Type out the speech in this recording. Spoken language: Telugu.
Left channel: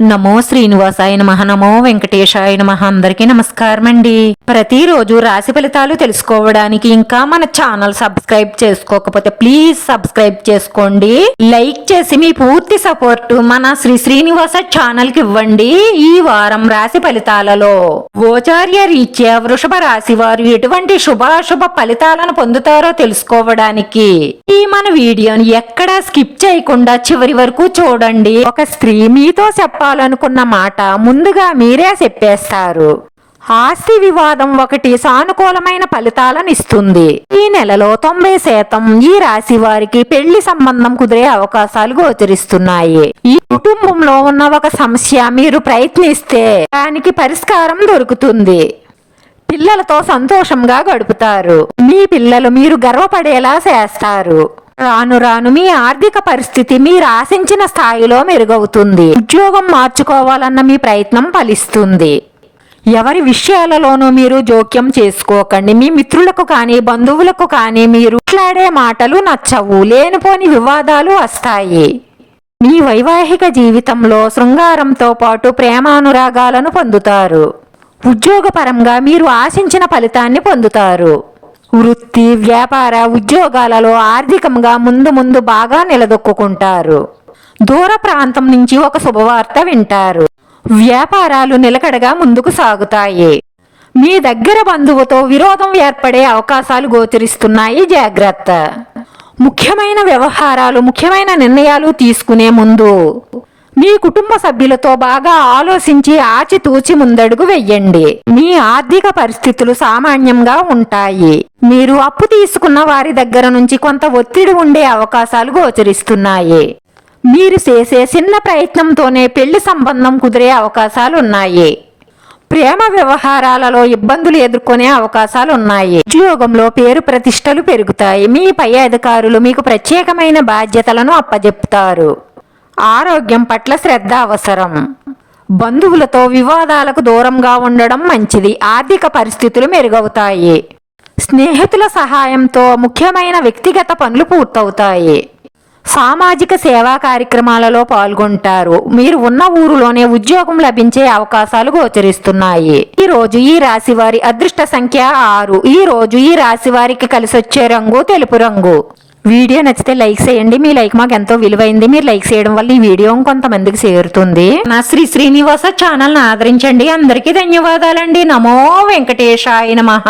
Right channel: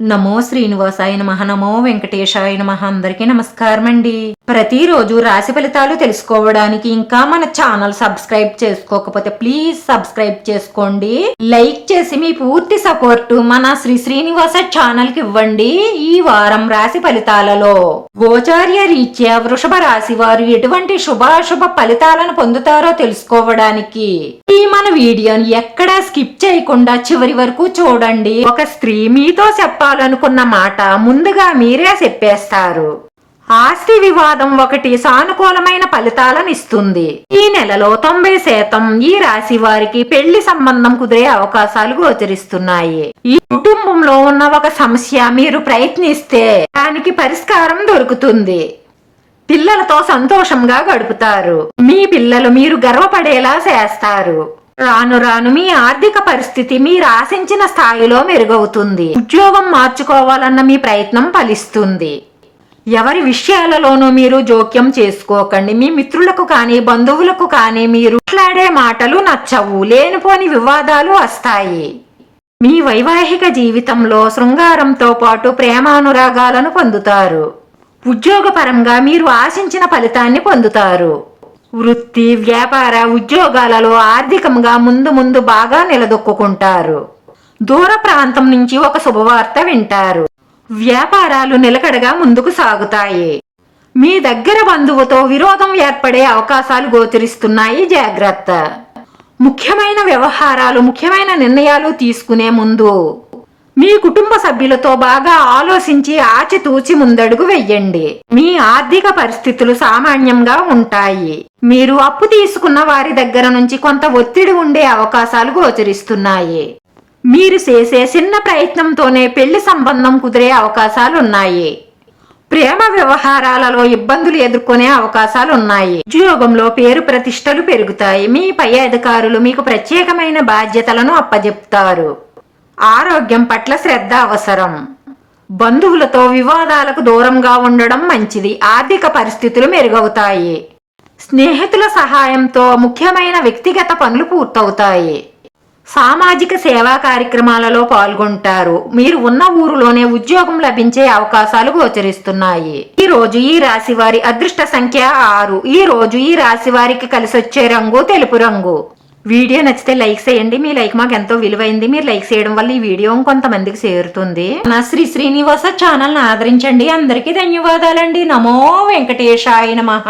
నమో శ్రీనివాసాయ నమః. నమో వెంకటేశాయ నమః. అందరికీ నమస్కారం అండి. ప్రతిరోజు రాశి ఫలితాలు తెలుసుకోవడానికి ఇంకా మన ఛానల్ సబ్స్క్రైబ్ చేసుకోకపోతే ప్లీజ్ సబ్స్క్రైబ్ చేసుకోండి. లైక్ చేసి మీ పూర్తి సపోర్ట్ మన శ్రీనివాస ఛానల్ కి ఇవ్వండి. ఈ వారం రాశి ఫలితాలలో గోచార్య రీత్యా వృషభ రాశి వారు ఎటువంటి శుభాశుభ ఫలితాలను పొందుతారో తెలుసుకోవడానికి ఈ మన వీడియోని ఎక్కడా స్కిప్ చేయకుండా చివరి వరకు చూడండి. ఒక స్త్రీ మీతో చెప్పాలనుకున్న మాట ముందుగా మీరే చెప్పేస్తారు. ఆస్తి వివాదం ఒకటి సానుకూలమైన ఫలితాలను ఇస్తుంది. ఈ నెలలో 90% ఈ రాశి వారికి పెళ్లి సంబంధం కుదిరే అవకాశాలు గోచరిస్తున్నాయి. ఈ కుటుంబంలో ఉన్న ఒక సమస్య మీరు ప్రయత్నిస్తే దానికి పరిష్కారం దొరుకుతుంది. పిల్లలతో సంతోషంగా గడుపుతారు. మీ పిల్లలు మీరు గర్వపడేలా చేస్తారు. రాను రాను మీ ఆర్థిక పరిస్థితి మీరు ఆశించిన స్థాయిలో మెరుగవుతుంది. ఉద్యోగం మార్చుకోవాలన్న మీ ప్రయత్నం ఫలిస్తుంది. ఎవరి విషయాలలోనూ మీరు జోక్యం చేసుకోకండి. మీ మిత్రులకు కానీ బంధువులకు కానీ మీరు మాట్లాడే మాటలు నచ్చవు. లేనిపోని వివాదాలు వస్తాయి. మీ వైవాహిక జీవితంలో శృంగారంతో పాటు ప్రేమానురాగాలను పొందుతారు. ఉద్యోగపరంగా మీరు ఆశించిన ఫలితాన్ని పొందుతారు. వృత్తి వ్యాపార ఉద్యోగాలలో ఆర్థికంగా ముందు బాగా నిలదొక్కుంటారు. దూర ప్రాంతం నుంచి ఒక శుభవార్త వింటారు. వ్యాపారాలు నిలకడగా ముందుకు సాగుతాయి. మీ దగ్గర బంధువుతో విరోధం ఏర్పడే అవకాశాలు గోచరిస్తున్నాయి. జాగ్రత్త. ముఖ్యమైన వ్యవహారాలు ముఖ్యమైన నిర్ణయాలు తీసుకునే ముందు మీ కుటుంబ సభ్యులతో బాగా ఆలోచించి ఆచితూచి ముందడుగు వెయ్యండి. మీ ఆర్థిక పరిస్థితులు సామాన్యంగా ఉంటాయి. మీరు అప్పు తీసుకున్న వారి దగ్గర నుంచి కొంత ఒత్తిడి ఉండే అవకాశాలు గోచరిస్తున్నాయి. మీరు చేసే చిన్న ప్రయత్నంతోనే పెళ్లి సంబంధం కుదిరే అవకాశాలు ఉన్నాయి. ప్రేమ వ్యవహారాలలో ఇబ్బందులు ఎదుర్కొనే అవకాశాలు ఉన్నాయి. ఉద్యోగంలో పేరు ప్రతిష్టలు పెరుగుతాయి. మీ పై అధికారులు మీకు ప్రత్యేకమైన బాధ్యతలను అప్పజెప్తారు. ఆరోగ్యం పట్ల శ్రద్ధ అవసరం. బంధువులతో వివాదాలకు దూరంగా ఉండడం మంచిది. ఆర్థిక పరిస్థితులు మెరుగవుతాయి. స్నేహితుల సహాయంతో ముఖ్యమైన వ్యక్తిగత పనులు పూర్తవుతాయి. సామాజిక సేవా కార్యక్రమాలలో పాల్గొంటారు. మీరు ఉన్న ఊరిలోనే ఉద్యోగం లభించే అవకాశాలు గోచరిస్తున్నాయి. ఈ రోజు ఈ రాశి వారి అదృష్ట సంఖ్య 6. ఈ రోజు ఈ రాశి వారికి కలిసొచ్చే రంగు తెలుపు రంగు. వీడియో నచ్చితే లైక్ చేయండి. మీ లైక్ మాకు ఎంతో విలువైంది. మీరు లైక్ చేయడం వల్ల ఈ వీడియో కొంతమందికి చేరుతుంది. నా శ్రీనివాస ఛానల్ ఆదరించండి. అందరికీ ధన్యవాదాలండి. నమో వెంకటేశాయ నమః.